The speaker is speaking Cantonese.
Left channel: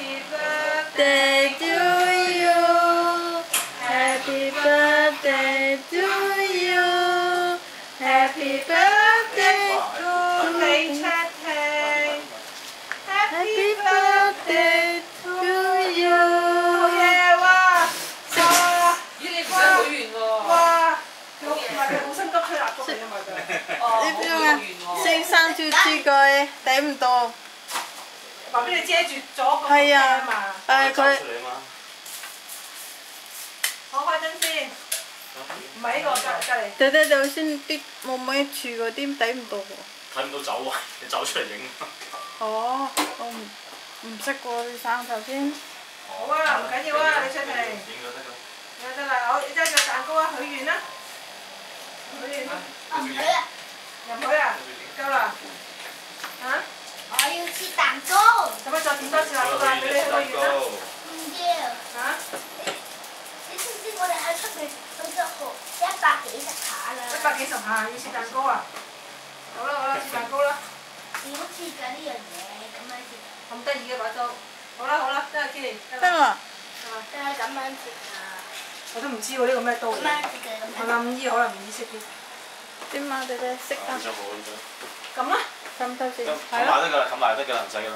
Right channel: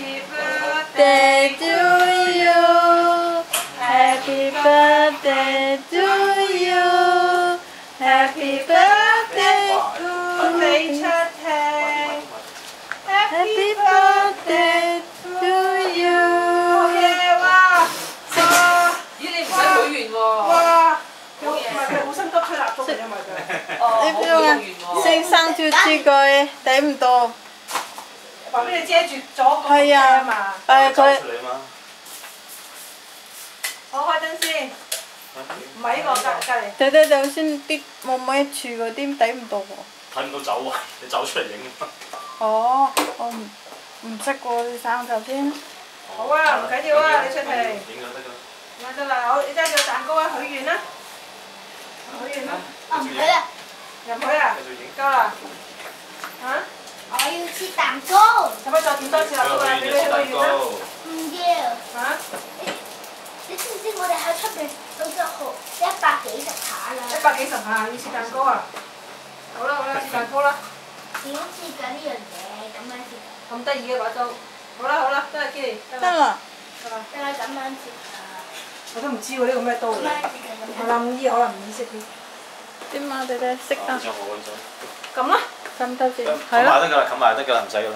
birthday to you. Happy birthday to you. Happy birthday to Happy birthday to you。好嘢哇！哇！咦，你唔使許願喎？哇！佢唔係佢好心急吹蠟燭嘅，因為佢。哦，你邊個啊？升生豬豬佢睇唔到。話俾你遮住咗個係啊嘛。誒佢。我開燈先。唔係呢個隔離。睇睇就先啲冇乜柱嗰啲睇唔到喎。睇唔到走位，你走出嚟影。哦，我唔識喎，你生頭先。好啊，唔緊要啊，你出嚟。影咗得㗎。有得啦，好，你揸個蛋糕啊，許願啦。許願啦。我唔許啊！入去啊！夠啦。嚇？我要切蛋糕。使唔使再點多次蠟燭啊？俾你許個願啦。唔要。嚇？你知唔知我哋喺出邊都得好140下啦140下要切蛋糕啊！好啦好啦，切蛋糕啦。點切㗎呢樣嘢？咁樣切。咁得意嘅把刀。好啦好啦，得啦 Kitty。得啦。係嘛？就係咁樣切㗎。我都唔知喎，呢個咩刀嚟？咁樣切嘅咁樣。我諗醫可能唔意識啲。點啊？你哋識啊？呢張好啊，呢張。咁啦。咁得先。冚埋得㗎啦，冚埋得㗎啦，唔使㗎啦。